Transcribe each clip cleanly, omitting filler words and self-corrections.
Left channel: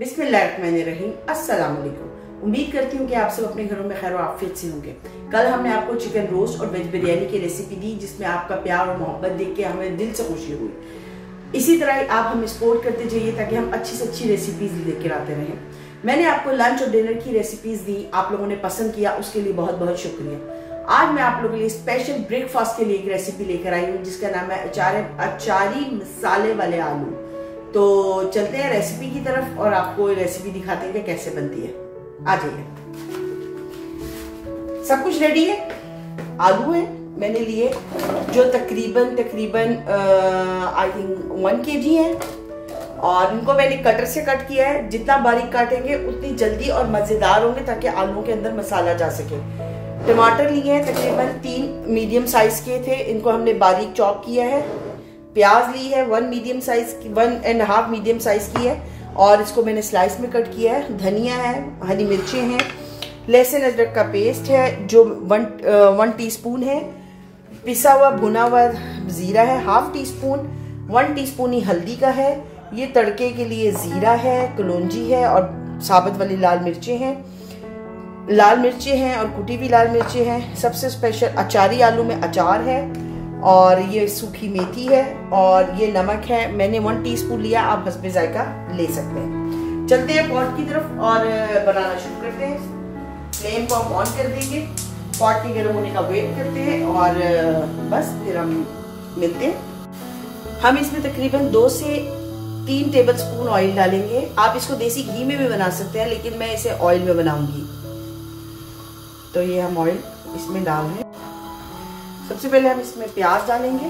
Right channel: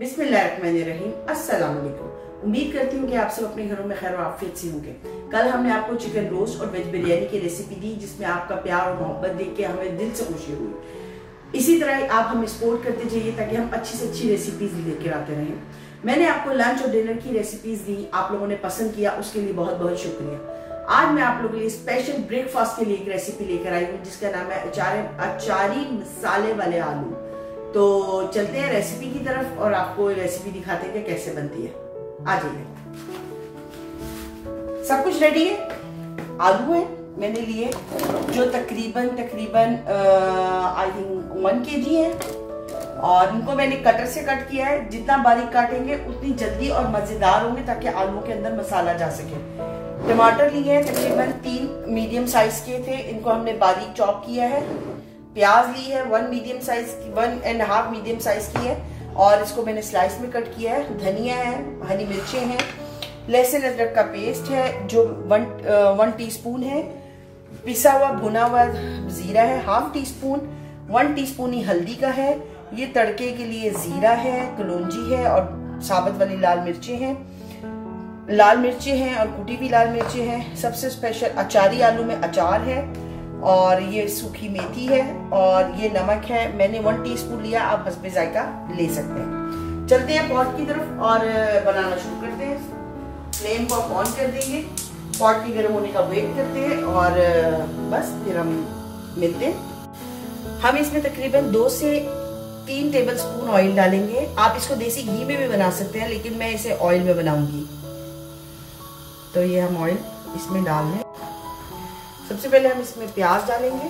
बिस्मिल्लाहिर्रहमानिर्रहीम। अस्सलाम वालेकुम। उम्मीद करती हूँ कि आप सब अपने घरों में खैर आफियत से होंगे। कल हमने आपको चिकन रोस्ट और वेज बिरयानी की रेसिपी दी, जिसमें आपका प्यार और मोहब्बत देख के हमें दिल से खुशी हुई। इसी तरह ही आप हमें सपोर्ट करते जाइए ताकि हम अच्छी से अच्छी रेसिपीज लेकर आते रहें। मैंने आपको लंच और डिनर की रेसिपीज दी, आप लोगों ने पसंद किया, उसके लिए बहुत बहुत शुक्रिया। आज मैं आप लोगों के लिए स्पेशल ब्रेकफास्ट के लिए एक रेसिपी लेकर आई हूँ, जिसका नाम है अचारी मसाले वाले आलू। तो चलते हैं रेसिपी की तरफ और आपको रेसिपी दिखाते हैं कि कैसे बनती है। आ जाइए। सब कुछ रेडी है। आलू है मैंने लिए जो तकरीबन आई थिंक 1 kg है, और इनको मैंने कटर से कट किया है। जितना बारीक काटेंगे उतनी जल्दी और मजेदार होंगे, ताकि आलू के अंदर मसाला जा सके। टमाटर लिए हैं तकरीबन 3 मीडियम साइज के थे, इनको हमने बारीक चॉप किया है। प्याज ली है 1.5 मीडियम साइज की है, और इसको मैंने स्लाइस में कट किया है। धनिया है, हरी मिर्चें हैं, लहसुन अदरक का पेस्ट है जो 1 टीस्पून है। पिसा हुआ भुना हुआ जीरा है 1/2 टीस्पून। 1 टीस्पून ही हल्दी का है। ये तड़के के लिए जीरा है, कलौंजी है और साबुत वाली लाल मिर्चें हैं और कुटी हुई लाल मिर्चें हैं। सबसे स्पेशल अचारी आलू में अचार है, और ये सूखी मेथी है, और ये नमक है। मैंने 1 टीस्पून लिया, आप हस्बे जायका ले सकते हैं। चलते हैं पॉट की तरफ और बनाना शुरू करते हैं। फ्लेम को हम ऑन कर देंगे, पॉट के गर्म होने का वेट करते हैं, और बस फिर हम मिलते हैं। हम इसमें तकरीबन 2 से 3 टेबलस्पून ऑयल डालेंगे। आप इसको देसी घी में भी बना सकते हैं, लेकिन मैं इसे ऑयल में बनाऊंगी। तो ये हम ऑयल इसमें डाल रहे हैं। सबसे पहले हम इसमें प्याज डालेंगे।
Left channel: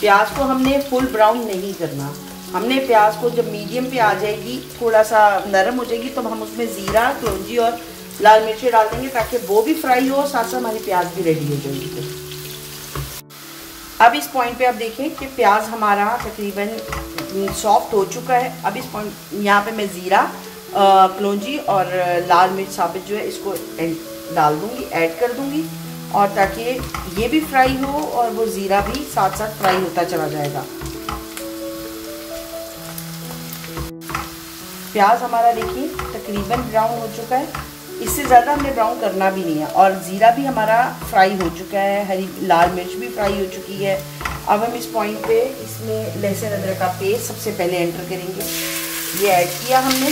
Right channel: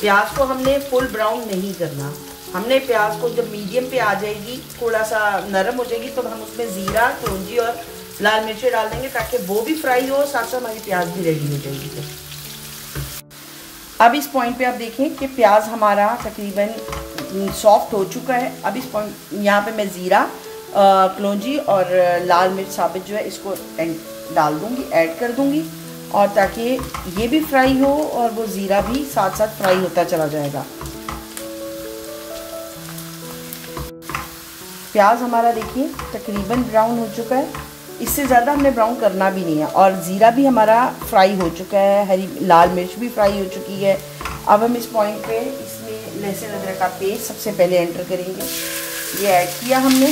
प्याज को हमने फुल ब्राउन नहीं करना। हमने प्याज को जब मीडियम पे आ जाएगी, थोड़ा सा नरम हो जाएगी, तो हम उसमें जीरा, कलौंजी और लाल मिर्ची डाल देंगे, ताकि वो भी फ्राई हो, साथ साथ हमारी प्याज भी रेडी हो जाएगी। अब इस पॉइंट पे आप देखें कि प्याज हमारा तकरीबन सॉफ्ट हो चुका है। अब इस पॉइंट यहाँ पे मैं जीरा, कलौंजी और लाल मिर्च साबुत जो है इसको डाल दूंगी, ऐड कर दूंगी, और ताकि ये भी फ्राई हो और वो जीरा भी साथ साथ फ्राई होता चला जाएगा। प्याज हमारा देखिए तकरीबन ब्राउन हो चुका है, इससे ज़्यादा हमने ब्राउन करना भी नहीं है, और ज़ीरा भी हमारा फ्राई हो चुका है, हरी लाल मिर्च भी फ्राई हो चुकी है। अब हम इस पॉइंट पे इसमें लहसुन अदरक का पेस्ट सबसे पहले एंटर करेंगे। ये ऐड किया हमने,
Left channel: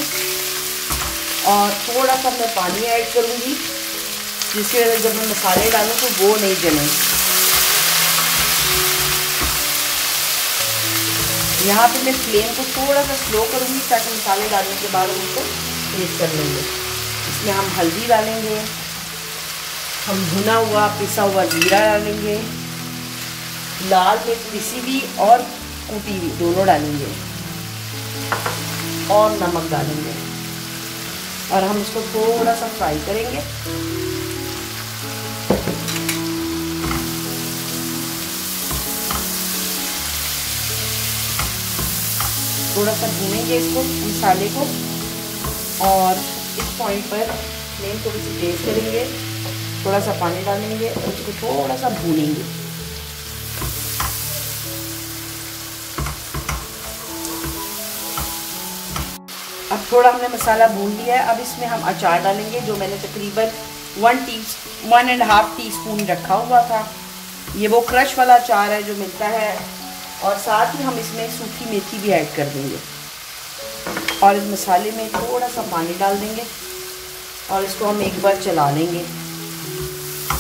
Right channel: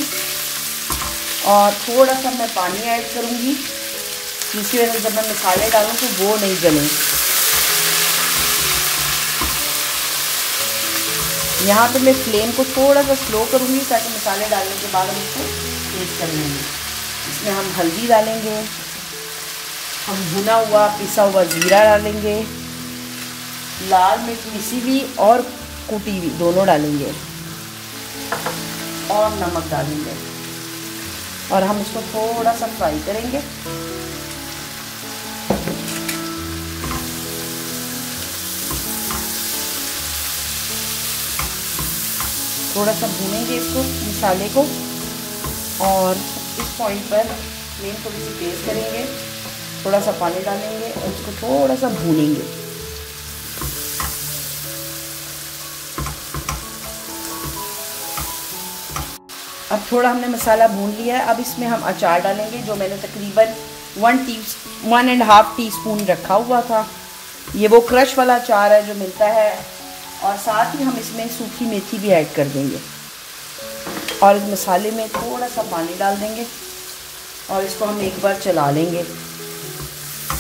और थोड़ा सा मैं पानी ऐड करूँगी, जिसकी वजह से जब मैं मसाले डालूँ तो वो नहीं जले। यहाँ पे मैं फ्लेम को थोड़ा सा स्लो करूँगी, ताकि मसाले डालने के बाद उसको तेज कर लेंगे। इसमें हम हल्दी डालेंगे, हम भुना हुआ पिसा हुआ जीरा डालेंगे, लाल मिर्च पिसी हुई और कुटी हुई दोनों डालेंगे, और नमक डालेंगे, और हम इसको थोड़ा सा फ्राई करेंगे। थोड़ा सा भूनेंगे इसको, मसाले को, और इस पॉइंट पर फ्लेम को भी तेज करेंगे, थोड़ा सा पानी डालेंगे और उसको थोड़ा सा भूनेंगे। अब थोड़ा हमने मसाला भून लिया है। अब इसमें हम अचार डालेंगे, जो मैंने तकरीबन 1.5 टीस्पून रखा हुआ था। ये वो क्रश वाला अचार है जो मिलता है, और साथ ही हम इसमें सूखी मेथी भी ऐड कर देंगे, और इस मसाले में थोड़ा सा पानी डाल देंगे, और इसको हम एक बार चला लेंगे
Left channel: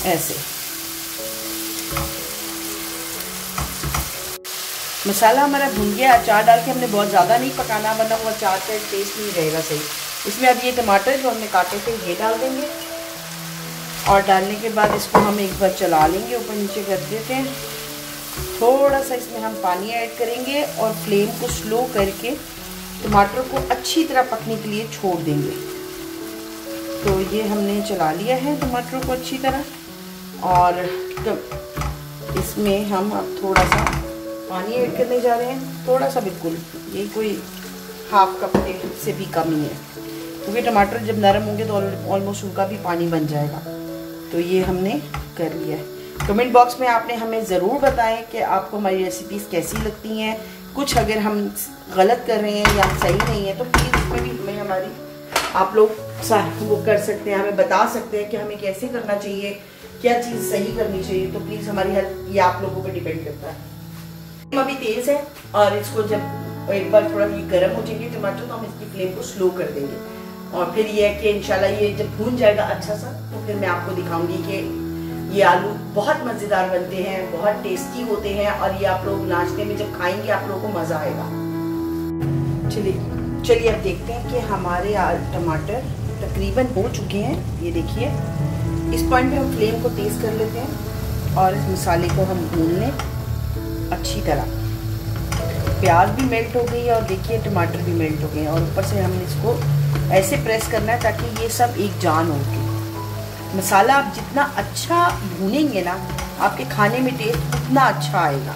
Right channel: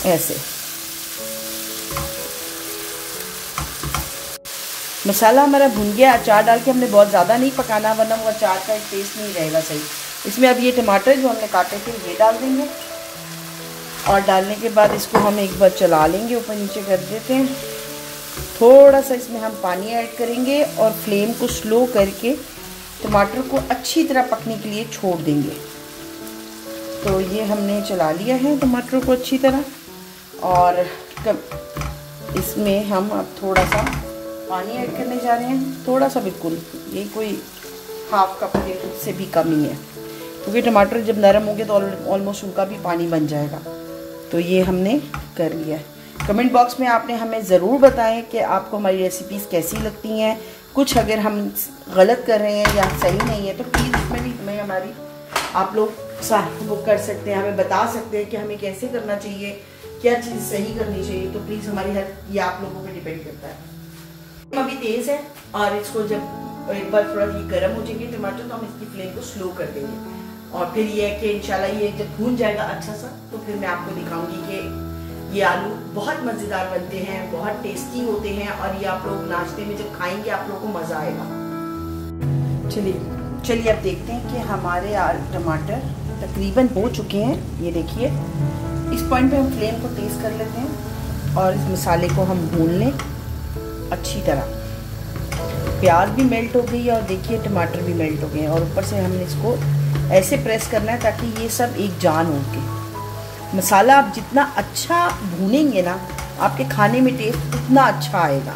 ऐसे। मसाला हमारा भुन गया। अचार डाल के हमने बहुत ज़्यादा नहीं पकाना, वरना वो अचार का टेस्ट नहीं रहेगा सही। इसमें अब ये टमाटर जो हमने काटे थे ये डाल देंगे, और डालने के बाद इसको हम एक बार चला लेंगे, ऊपर नीचे कर देते हैं। थोड़ा सा इसमें हम पानी ऐड करेंगे, और फ्लेम को स्लो करके टमाटर को अच्छी तरह पकने के लिए छोड़ देंगे। तो ये हमने चला लिया है टमाटर को अच्छी तरह, और इसमें हम अब थोड़ा सा पानी ऐड करने जा रहे हैं, थोड़ा सा, बिल्कुल ये कोई 1/2 कप से भी कम ही है। क्योंकि टमाटर जब नरम होंगे तो ऑलमोस्ट उनका भी पानी बन जाएगा। तो ये हमने कर लिया है। कमेंट बॉक्स में आपने हमें ज़रूर बताएं कि आपको हमारी रेसिपीज़ कैसी लगती हैं। कुछ अगर हम गलत कर रहे हैं या सही नहीं है तो प्लीज़ उसमें भी हमें हमारी आप लोग वो कर सकते हैं, हमें बता सकते हैं कि हमें कैसे करना चाहिए, क्या चीज़ सही करनी चाहिए। तो प्लीज़ हमारी हेल्प ये आप लोगों पे डिपेंड करता है। अभी तेज़ है और इसको जब एक बार थोड़ा ये गर्म हो जाएंगे टमाटर तो हम इसकी फ्लेम को स्लो कर देंगे और फिर ये है कि इंशाल्लाह ये जब भून जाएगा अच्छा सा तो फिर मैं आपको दिखाऊंगी कि ये आलू बहुत मज़ेदार बनते हैं, बहुत टेस्टी होते हैं और ये आप लोग नाश्ते में जब खाएंगे आप लोगों को मज़ा आएगा। चलिए अब देखते हैं कि हमारे टमाटर तकरीबन हो चुके हैं। ये देखिए इस पॉइंट पे हम फ्लेम को तेज कर लेते हैं और इस मसाले को हम भून लें अच्छी तरह। प्याज भी मेल्ट हो गई है और देखिए टमाटर भी मेल्ट हो गए हैं और ऊपर से हमने इसको ऐसे प्रेस करना है ताकि ये सब एक जान हो के। मसाला आप जितना अच्छा भूनेंगे ना आपके खाने में टेस्ट उतना अच्छा आएगा।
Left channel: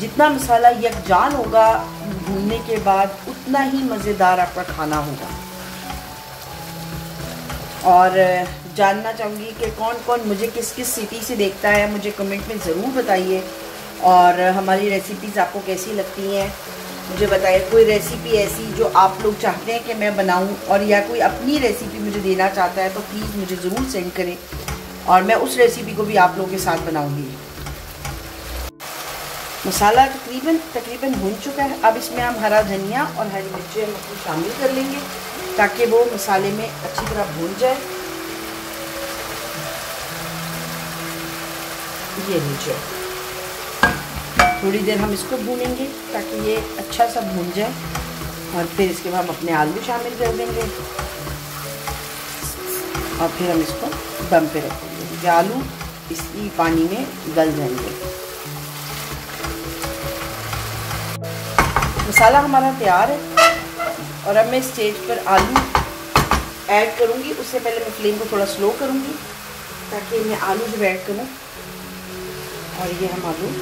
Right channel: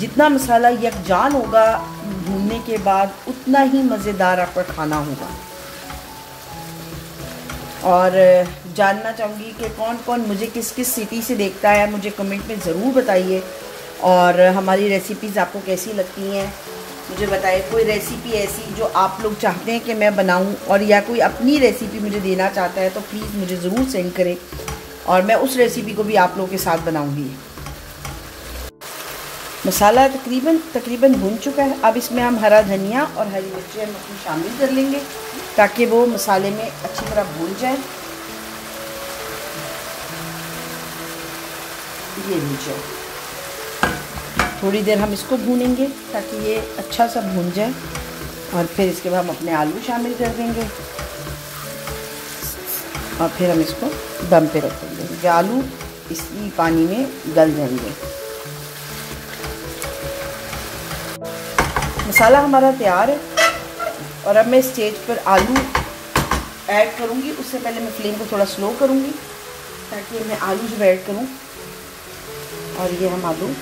जितना मसाला यकजान होगा भूनने के बाद उतना ही मज़ेदार आपका खाना होगा। और जानना चाहूँगी कि कौन कौन मुझे किस किस सिटी से देखता है, मुझे कमेंट में ज़रूर बताइए। और हमारी रेसिपीज़ आपको कैसी लगती हैं मुझे बताइए। कोई रेसिपी ऐसी जो आप लोग चाहते हैं कि मैं बनाऊं और या कोई अपनी रेसिपी मुझे देना चाहता है तो प्लीज़ मुझे ज़रूर सेंड करें और मैं उस रेसिपी को भी आप लोगों के साथ बनाऊंगी। मसाला तकरीबन भून चुका है। अब इसमें हम हरा धनिया और हरी मिर्ची शामिल कर लेंगे ताकि वो मसाले में अच्छी तरह भून जाए। ये लीजिए थोड़ी देर हम इसको भूनेंगे ताकि ये अच्छा सा भून जाए और फिर इसके बाद हम अपने आलू शामिल कर देंगे और फिर हम इसको दम पे रख देंगे। जो आलू इसी पानी में गल जाएंगे। मसाला हमारा तैयार है और अब मैं स्टेज पर आलू ऐड करूंगी। उससे पहले मैं फ्लेम को थोड़ा स्लो करूंगी ताकि मैं आलू जब ऐड करूं और ये हम आलू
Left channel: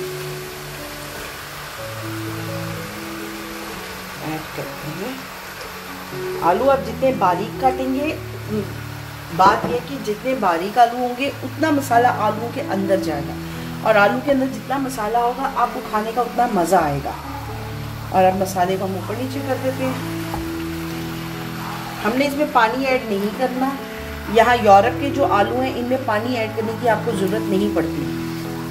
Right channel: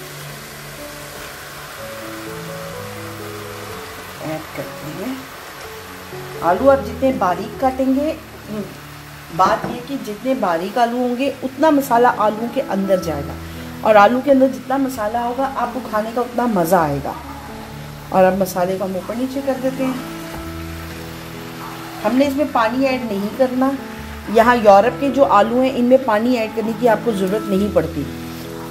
ऐड करते हैं। आलू आप जितने बारीक काटेंगे, बात यह कि जितने बारीक आलू होंगे उतना मसाला आलू के अंदर जाएगा और आलू के अंदर जितना मसाला होगा आपको खाने का उतना मज़ा आएगा। और अब मसाले को हम ऊपर नीचे कर देते हैं। हमने इसमें पानी ऐड नहीं करना। यहाँ यूरोप के जो आलू हैं इनमें पानी ऐड करने की आपको ज़रूरत नहीं पड़ती,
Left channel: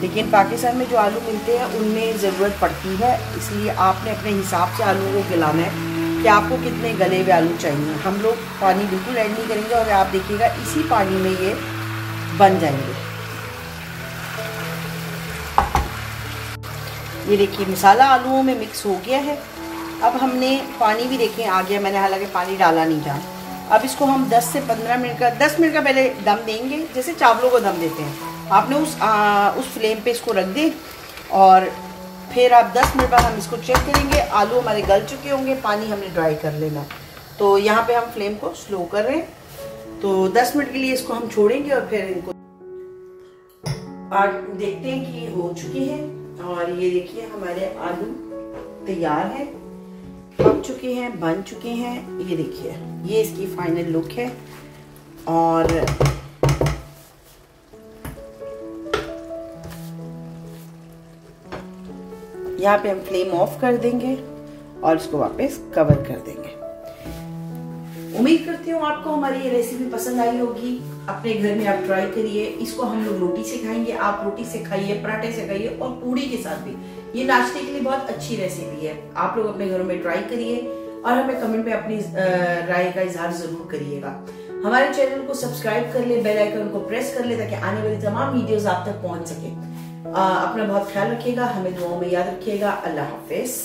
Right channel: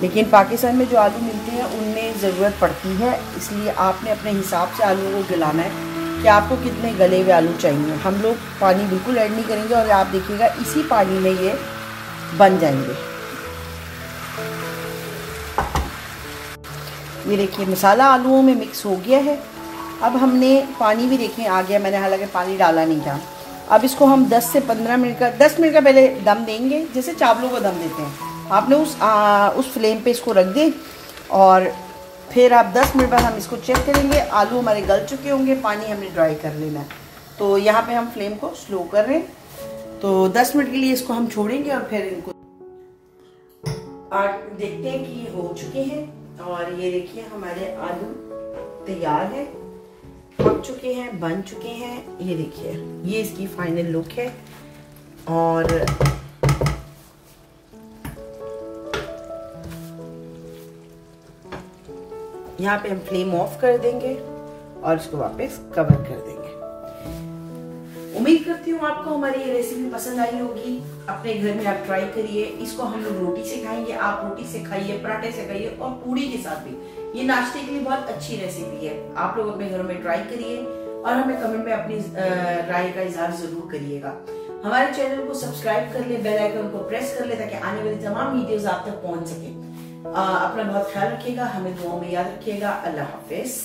लेकिन पाकिस्तान में जो आलू मिलते हैं उनमें ज़रूरत पड़ती है। इसलिए आपने अपने हिसाब से आलू को गलाना है कि आपको कितने गले हुए आलू चाहिए। हम लोग पानी बिल्कुल ऐड नहीं करेंगे और आप देखिएगा इसी पानी में ये बन जाएंगे। ये देखिए मसाला आलूओं में मिक्स हो गया है। अब हमने पानी भी देखें आ गया, मैंने हालांकि पानी डाला नहीं था। अब इसको हम 10 से 15 मिनट का 10 मिनट का पहले दम देंगे जैसे चावलों को दम देते हैं। आपने उस फ्लेम पे इसको रख दें और फिर आप 10 मिनट बाद हम इसको चेक करेंगे। आलू हमारे गल चुके होंगे, पानी हमने ड्राई कर लेना है। तो यहाँ पे हम फ्लेम को स्लो कर रहे हैं। तो 10 मिनट के लिए इसको हम छोड़ेंगे और फिर इनको देखते हैं कि हो चुके हैं। और ये देखिए हमारे आलू तैयार है, पक चुके हैं, बन चुके हैं। ये देखिए ये इसकी फाइनल लुक है। और यहाँ पे हम फ्लेम ऑफ कर देंगे और इसको वापस कवर कर देंगे। उम्मीद करती हूँ आपको हमारी ये रेसिपी पसंद आई होगी। अपने घर में आप ट्राई करिए। इसको हम लोग रोटी से खाएंगे, आप रोटी से खाइए, पराठे से खाइए और पूड़ी के साथ भी। ये नाश्ते के लिए बहुत अच्छी रेसिपी है। आप लोग अपने घरों में ट्राई करिए और हमें कमेंट में अपनी राय का इजहार जरूर करिएगा। हमारे चैनल को सब्सक्राइब कर ले, बेल आइकन को प्रेस कर ले ताकि आने वाली तमाम वीडियोस आप तक पहुंच सके। अपना बहुत ख्याल रखिएगा, हमें दुआओं में याद रखिएगा। अल्लाह हाफिज।